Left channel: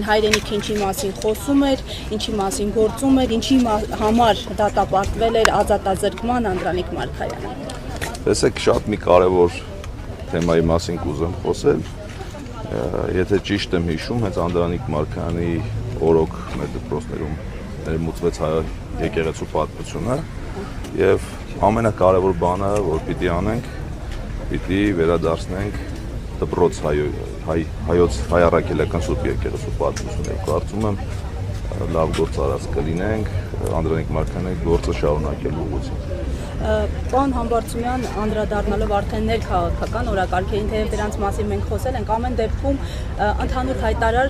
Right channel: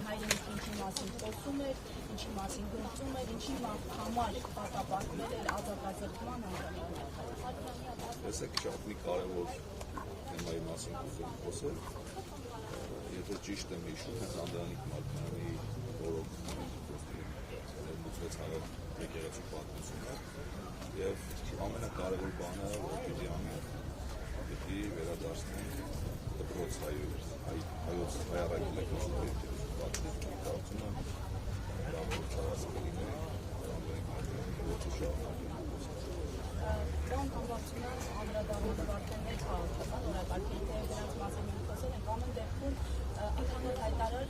իրեն հայրենիքը ինչի մասին խոսում էր, ինչի մասին գործում էր, ինչի համար դատապարտվել էր ազատազրկման Անդրանիկ Մարգարյանը։ Տեսեք, շատ մի կարևոր թեմայի մասին կուզեմ խոսել։ Եթե ճիշտ եմ հիշում, հենց Անդրանիկ Մարգարյանի օրոք մեր դպրոցներում ներմուծվեց հայ եկեղեցու պատմությունը եւ ամենակարևոր բանը, որ պիտի անենք, պիտի վերադարձնենք դպրոց հայ առաքելական Սուրբ եկեղեցու պատմությունը։ Կարծում եմ լավ գործ արած կլինենք Անդրանիկ Մարգարյանի գործը շարունակելու ուղղությամբ։ Պարոն Համբարձումյան, անդրադառնալով արդեն ներքաղաքական օրակարգերին, թեև դրանց մասին մենք խոսել ենք, ամեն դեպքում ընդհանուր հայտարար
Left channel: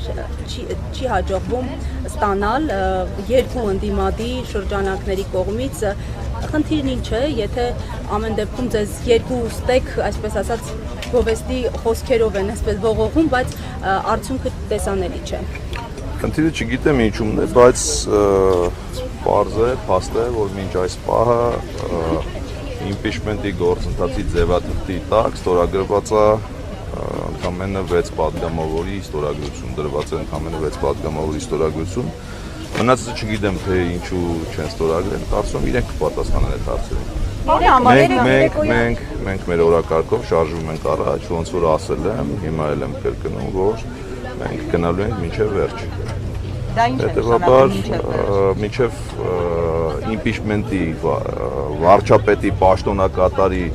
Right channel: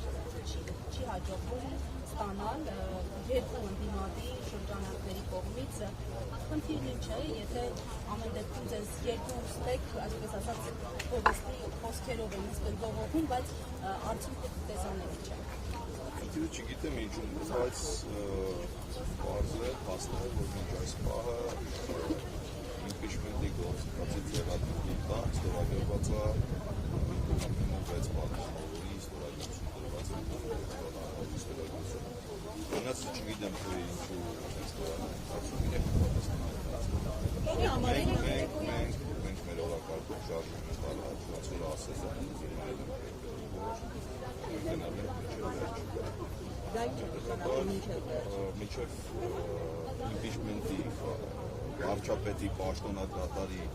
չի հաջողվում ստանալ երկու ընդդիմադի շրջանակների կողմից։ Խնդիրն ինչ է, եթե ամեն դեպքում ձեզ երկու ստեկ, այսպես ասած, գովեստի խոսքերով են այսպես ողողում, բայց արդյունքը տեսանելի չէ։ Խնդիրը չգիտեմ ինչումն է, բայց պարզ է, փաստ է, որ մինչ այս պահը impeachment-ի գործընթացի ձևաթղթի տակ ստորագրված է ընդամենը 6 պատգամավորի ստորագրություն, դրված է ընդամենը 6 պատգամավորի ստորագրություն։ Մնացածը չգիտեմ, թե ինչու չեն ստորագրել, կարծում եմ իրենք կպատասխանեն այդ հարցերին։ Մենք մեր օրակարգով շարժվում ենք առաջ, ոնց որ ասել եմ, հիմա էլ եմ կրկնում, որ մենք գնալու ենք մինչև վերջ։ Հետևաբար մինչև impeachment-ի վարչապետի պաշտոնակատարի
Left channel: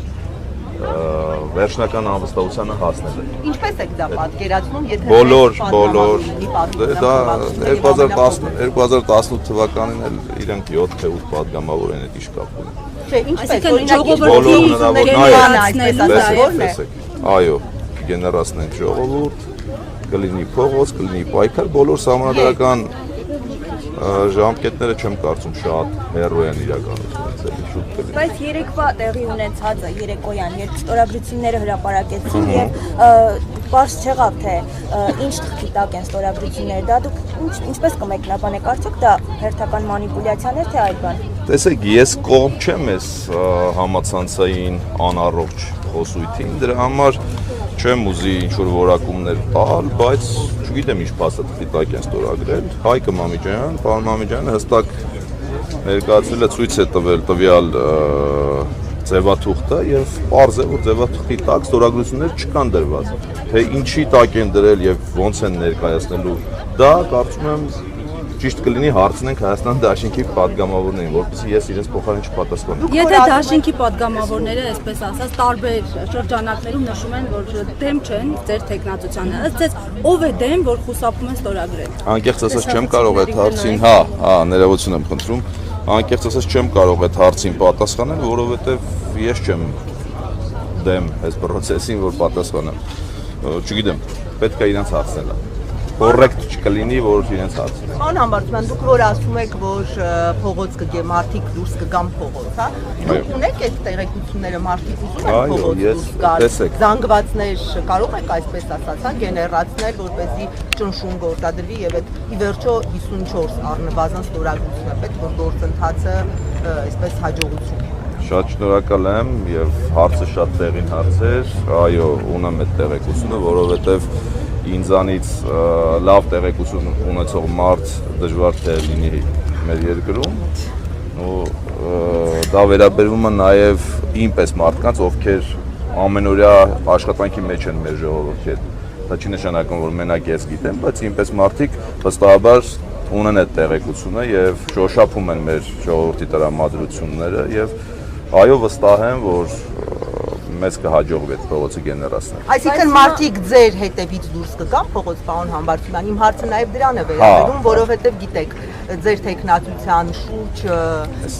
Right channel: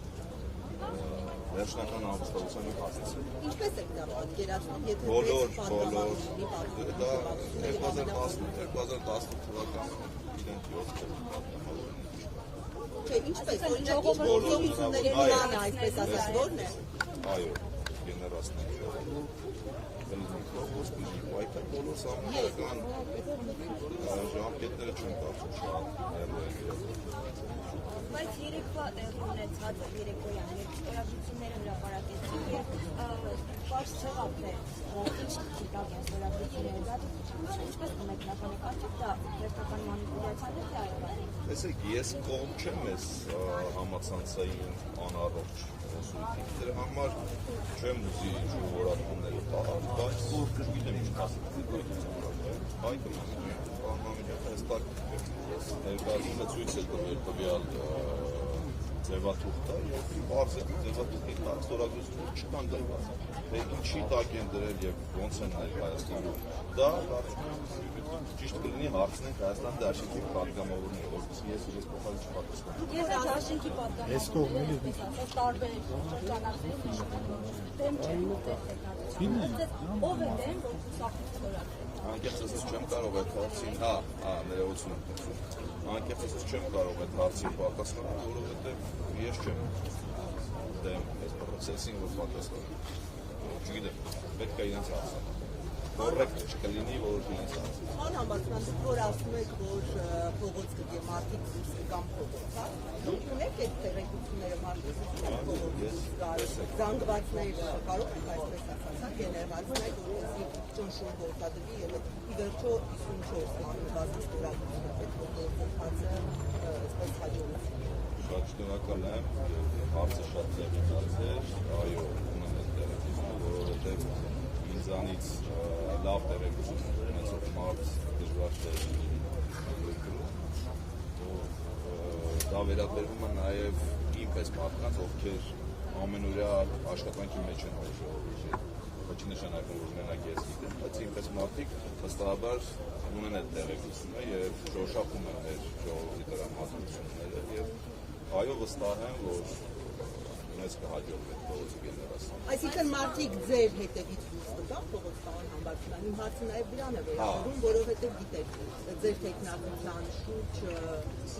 վերջնական անվստահությանը հասնել է։ Ինչպես եք դա պատկերացնում, եթե բոլոր 2018 թվականին էլ իրենք 7 թե 8 պատգամավոր են այդ իշկապ ունեն։ Չէ, ինչպես այո, գեներացնենք ժողովուրդ, կլինի փողոց, կլինի պայքար, բոլոր սահմանադրական ժամկետները չեմ կարծում շատ հեռու են իրականությունից, շուտ կլինի։ Բայց երեկվա տեղի ունեցածը երեկոյան, երբ ստորագրությունները հրապարակեցին եւ պարզ չեղավ, թե ինչ թղթի տակ են ստորագրությունները, դա դուք ինչպես կմեկնաբանեք, արդյոք դա հերթական մանիպուլյացիան է, թե այլ բան։ Տեսեք, ես կողմ չեմ այս համացանցային անառողջ խոսույթին, դրա համար չեմ ուզի ինչ-որ որակումներ տալ, բայց չգիտեմ ինչ փաստաթղթի տակ են ստորագրել։ Հայկը Մամիջյան, պարոն Մամիջյանը հստակ ներկայացրել է, ցույց է տվել տվյալ ձևաթուղթը եւ պարզ է, որ ձևաթուղթի տակ ստորագրություններ չկան դրված։ Թե ինչի տակ են դրել եւ ոնց են ներկայացնելու, դա կարծում եմ ճիշտ կլինի հարցնենք Հայաստան Դաշինքի պատգամավորներին, որպեսզի ես իրենց փոխարեն չպատասխանեմ։ Եթե Դաշինքի պատգամավորները, այսպես ասած, տարբեր շրջանակներում նշում են, որ դեմ չեն ձեր տեխնացությանը, ըստ ձեզ ով է դեմ, որ խուսափում են ստորագրել։ Անկեղծ ասած չեմ կարող այդ հարցին, ներողություն եմ խնդրում, անկեղծ ասած չեմ կարող այդ հարցին պատասխանել, որովհետև ես չեմ դեմ այս process-ին, որ պատասխանեմ։ Չգիտեմ, պետք է իրենց հարցնել։ Կոռեկտ չկլինի, որ իրենց հարցնեն։ Պարոն Համբարձումյան, դուք որ ասում եք, որ փողոց կգե մարդիկ դուրս կգան փողոց, հա։ Դուք ունեք այդ տեղեկությունները, մարդիկ ուզում են փողոց դուրս գալ։ Զանգվածներ կարող եք այսպես ասած, հա, գեներացնել, որպեսզի ճնշում գործադրվի եւ այդ ի վերջո 54 առնվազն ստորագրությունը պետք որ գործընթացը այսպես հաջողություն։ Շատ շնորհակալ եմ եւ հարցը շատ տեղին հարց էր։ Այո, ունեմ այդ տեղեկությունը, որովհետեւ ինձանից լավ տեղեկություն ունեցող մարդ դժվար թե լինի մեր երկրում ու դա վերաբերվում է նաև ինպես մարդկանց, ովքեր ամենօրյա աշխատանքի մեջ են մեր ժողովրդի հետ։ Դա չի նշանակում, որ մենակ ես գիտեմ, բայց ինպես մարդիկ վստահաբար ունեն այդ տեղեկությունը եւ շոշափում են մեր ժողովրդի տրամադրությունները եւ այո վստահ եմ, որ մեզ կհաջողվի այդ փողոցը գեներացնել։ Այսինքն մարդիկ ձեր հետևից դուրս կգան փողոց, պարոն Համբարձումյան, իմ հարցը նաև դրան է վերաբերում, որովհետև գիտեք, ձեր տեխնացության շուրջ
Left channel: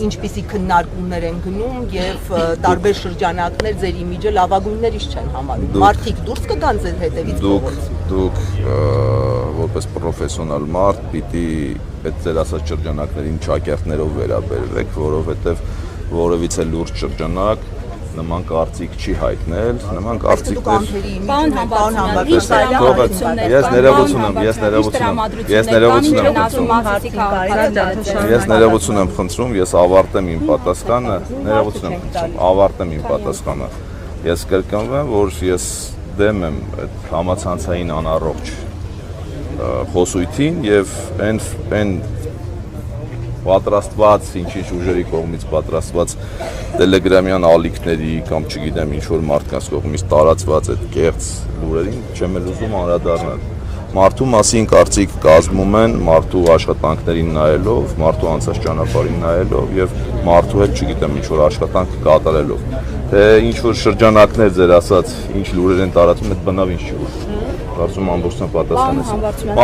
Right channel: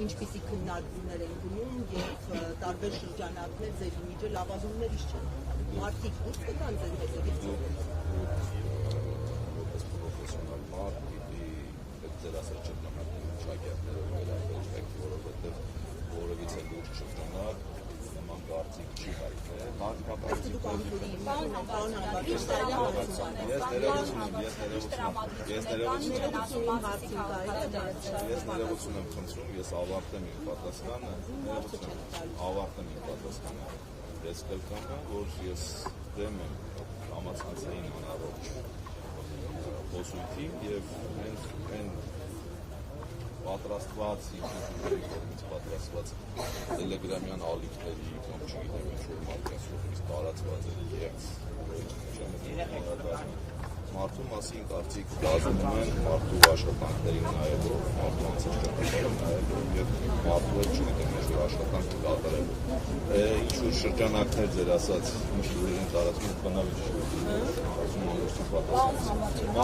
ինչպիսի քննարկումներ են գնում եւ տարբեր շրջանակներ ձեր իմիջը լավագույններից չեն համարում։ Մարդիկ դուրս կգան ձեր հետևից փողոց։ Դուք որպես պրոֆեսիոնալ մարդ պիտի այդ ձեր ասած շրջանակներին ճակերտներով վերաբերվեք, որովհետև որևիցե լուրջ շրջանակ նման կարծիք չի հայտնել, նման կարծիքներ։ Պարոն Համբարձումյան, ես ներողություն եմ խնդրում, ես ավարտեմ իմ պատասխանը, ավարտեմ իմ պատասխանը։ Ես կրկնվեմ, որ ես դեմ եմ այդ համացանցային անառողջ խոսույթին եւ այն պատրաստված ինչ-ինչ ուժերի կողմից պատրաստված տելեգրամյան ալիքների կամ չգիտեմ ինչ որ մարդկանց կողմից տարածված այդ կեղծ լուրերին չեմ էլ ուզում անդրադառնալ։ Մարդու մասին կարծիք կազմում են մարդու աշխատանքներին նայելով, մարդու անցած ճանապարհին նայելով եւ մարդու հետ չգիտեմ ինչ որ աշխատանք կատարելով։ Թե ինչ որ շրջանակներ ձեր ասած ինչ լուրեր են տարածում, այդ բնավ ինչ չի որ։ Կարծում ամբողջովին պատասխան է։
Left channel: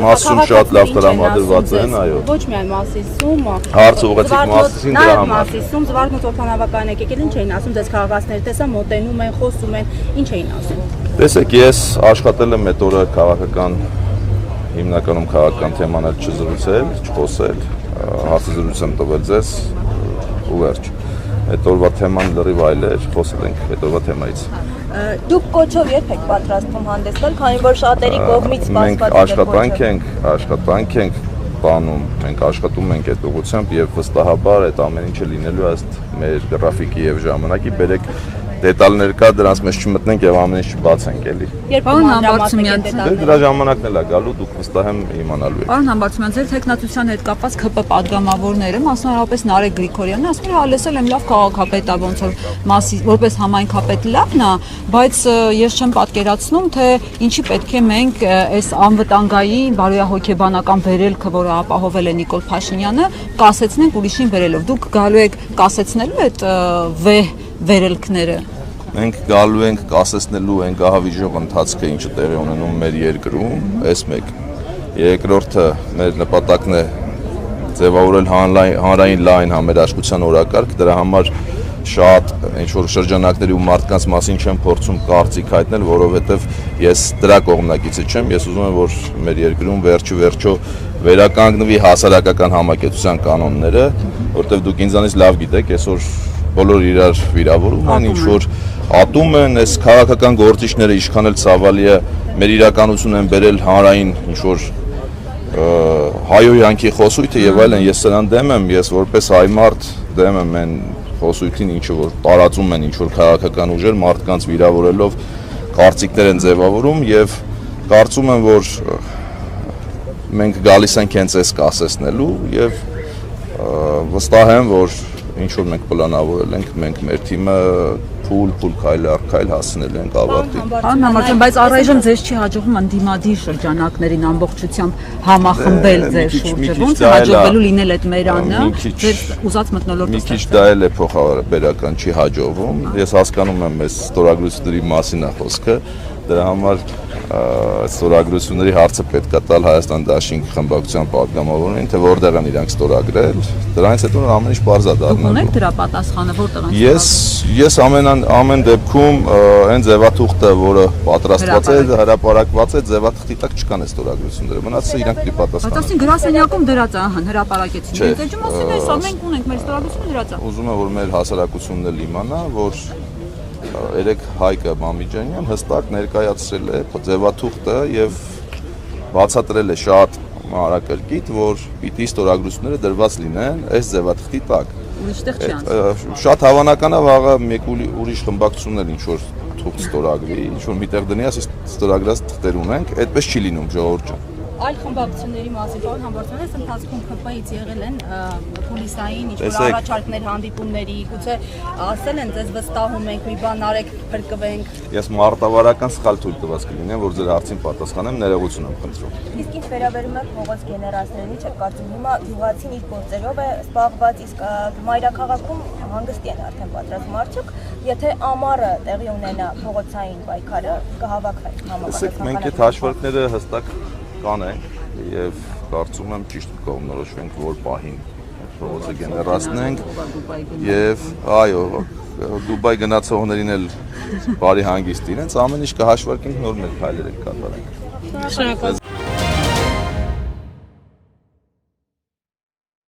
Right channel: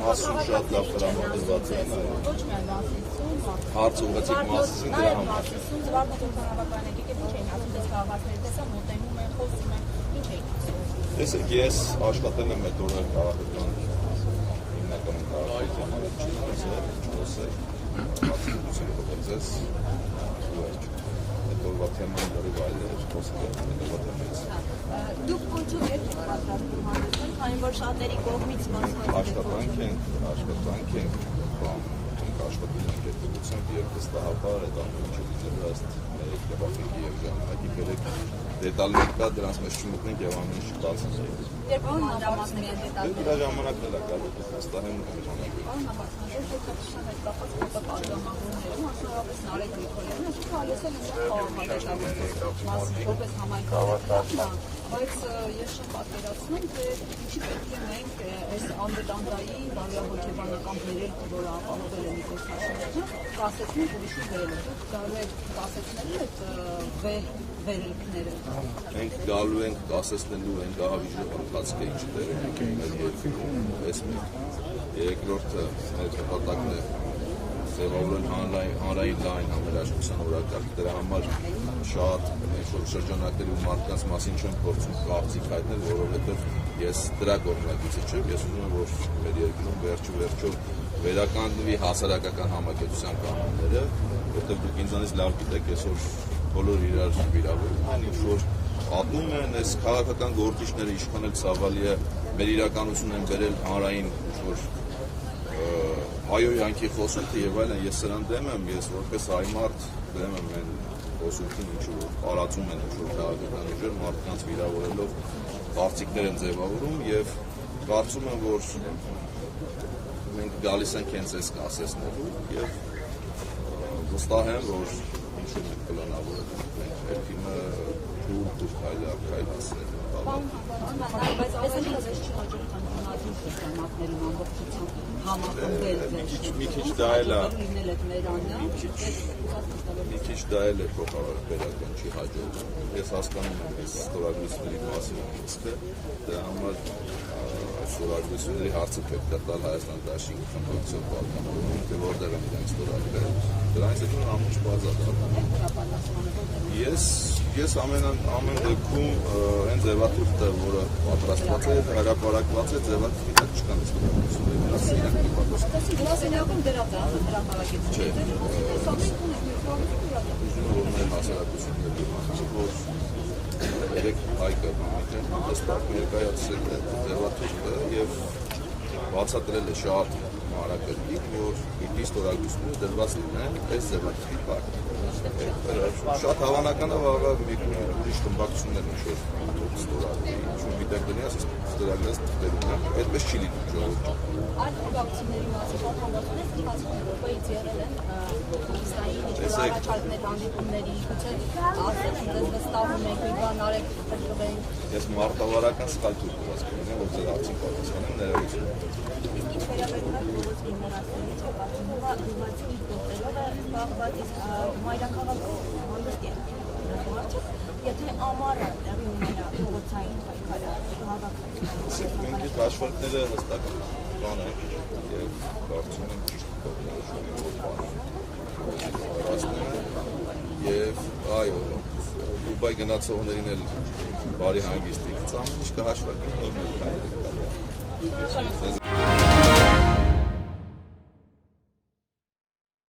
Մասում շատ լավ տրամադրված են, այո։ Ոչ միայն Մասիսում, հարց ուղղեցիք Մասիսին դրա համար։ Մասիսում զվարթնոց օդանավակայան եկել ինչ էին ասում, դες քաղաքացիները տեսա մոտենում են, խոսում են, ինչ էին ասում։ Տեսեք, ես աշխատել եմ այդ օրը քաղաքական հիմնականում քաղաքական թեմաներ չզրուցել, չխոսել, հարցազրույց եմ տվել ձեզ ու վերջ։ Այդ օրվա թեման լրիվ այլ էր, խոսել ենք այդ օրվա թեմայից։ Դուք կոչով երբ եք պատրաստվում հանդես գալ, քանի որ շատերի կողմից մենք աշխատանք ենք բանում, մենք աշխատում ենք այդ ուղղությամբ եւ վստահաբար այդ ամեն ինչը լինելու ըստ մեր գրաֆիկի եւ ժամանակի, բերեք դետալներ կա, դրանց մեջ չմտնենք եւ ամեն ինչ չբացենք էլի։ Պարոն Համբարձումյան, դրա ժամանակն էլ է գալու, դուք վստահ եմ իմանալու եք։ Պարոն Համբարձումյան, ձեր տեխնատության հետ կապված ԿՊ падգամավորները, մասնավորապես Նարեկ Գրիգորյանն ասում է, լսել եմ լավ քաղաքապետ է, ոնց որ որպես համայնքապետ լավն է, բայց ես չեմ պատկերացնում, թե ինչի պետք է մենք այս անվտանգային բարոյահոգեբանական վերելքը, որը ապահովել է Նիկոլ Փաշինյանը, կասեցնենք ուրիշին վերելով։ Դուք գալու եք կասեցնելու այդ վերելքները։ Մենք գալու ենք կասեցնելու այն գահավիժող ընթացքը, ինչը տեղի ունենում մեր երկրում, այս մեկ։ Երկրորդը մեր նպատակն է ձևավորել հանրային լայն համերաշխության օրակարգ, դրա համար շատ ինչ-որ շրջանակների ու մարդկանց մասին չեմ փորձում կարծիք հայտնել, որովհետև ես դրա կողմնակիցը չեմ, ես ուզում եմ, որ մեր երկրում վերջո վերականգնվի հասարակական համակեցության կանոնները, որովհետև դուք ինձանից լավ գիտեք, այսօր բոլոր իրար վիրավորում են, ինչ-որ ատում են, այս քաղաքական գործիչները ինչքան էլ ցավալի է, մեր իրականություն են բերել հանրային ինչ-որ հայոյանքի խոսույթը եւ այլն, ես սրան դեմ եմ, ես որպես հայ մարդ դեմ եմ այն խոսույթին, ինչը որ տարածում են ինչ-որ քաղաքական ուժեր, մարդկանց վիրավորելով կարծիքներ են ձևավորում եւ կարծում եմ, որ մենք գալիս ենք հենց այս կասեցնելու եւ վստահ եմ, որ ինչ որ մենք պլանավորել ենք, մենք մեր թիմը փուլ քայլ առ քայլ հասնելու ենք ավարտին։ Պարոն Համբարձումյան, բայց առայժմ ձեզ չի հաջողվում ընդդիմադիր շրջանակներին ամբողջությամբ համախմբել ձեր շուրջը։ Ոնց է հաջողվելու լինել այդ մերանը, ձեր ուզած մթնոլորտը։ Մի քիչ դա էլ է փոխաբերական չի հաջողվում։ Ես հասկանում եմ այս ստորագրությունների մասին է խոսքը, դրա համար ստորագրությունների հարցը պետք է տալ Հայաստան Դաշինք խմբակցության падգամավորներին, թե որտեղ են իրանք ստորագրել, դրանից հետո ամեն ինչ բարձր դառնալու։ Ունեք դրա պատասխանը որտեղ են։ Ես ամեն դեպքում այն ձևաթուղթը, որը պատրաստված է, հրապարակված է, ձևաթղթի տակ չկան այս ստորագրությունները։ Մնացածը իրանք պիտի պատասխանեն։ Բայց ասին գրասենյակում դրած է, հրապարակեցին։ Դե ջումասին էս մենք ունենք մեր ստորագրությունը դրած է։ Ուզում եմ, որ մեր հասարակությունն էլ իմանա, որ երեք Հայկը Մամիջանյան հստակ ներկայացրել է ձևաթուղթը եւ բացատրել է շատ մանրակրկիտ, որ պիտի ստորագրությունները դրված լինեն այս ձևաթղթի տակ։ Ինչտեղ չի անցել։ Շատ հավանական է վաղը մեկ ուրիշ խմբակցություններ ինչ որ թուղթ ստորագրի, ինչ որ միտեղ դնի, ասես ստորագրած թղթեր ունենք, այդպես չի լինում ժողովուրդ ջան։ Այլ խմբակցությունների մասին որ համբարձումից ընթացքում ԿՊ-ից եղել են պոլիսային ինչ-որ առաջարկներ հանդիպումների, գուցե ասել են ձեզ վստահում ենք, մի բան արեք, փրկվենք։ Ես մարտավարական սխալ թույլ տված կլինեմ, որ ձեր հարցին պատասխանեմ, ներողություն եմ խնդրում։ Իսկ ինչ վերաբերում է փողոց գեներացներին, ինչ է կարծում, հիմա գյուղացին իր գործերով է զբաղված, իսկ մայրաքաղաքում հանգստի են արդեն պատրաստ մարդիկ, եթե ամառը տեղի ունենա փողոցային պայքարը, կհավաքվի համապատասխան։ Մենք այդ հաշվարկները հստակ կանենք եւ կարծում եմ ճիշտ կողմնորոշվենք, որ պահին փողոցը գեներացնենք եւ այո, Դուբայ գնացողներին էլ բարի հանգիստ իրենց ամեն ինչ կհաշվարկենք, նոր մեր քայլեր ենք կատարենք։ Շնորհակալ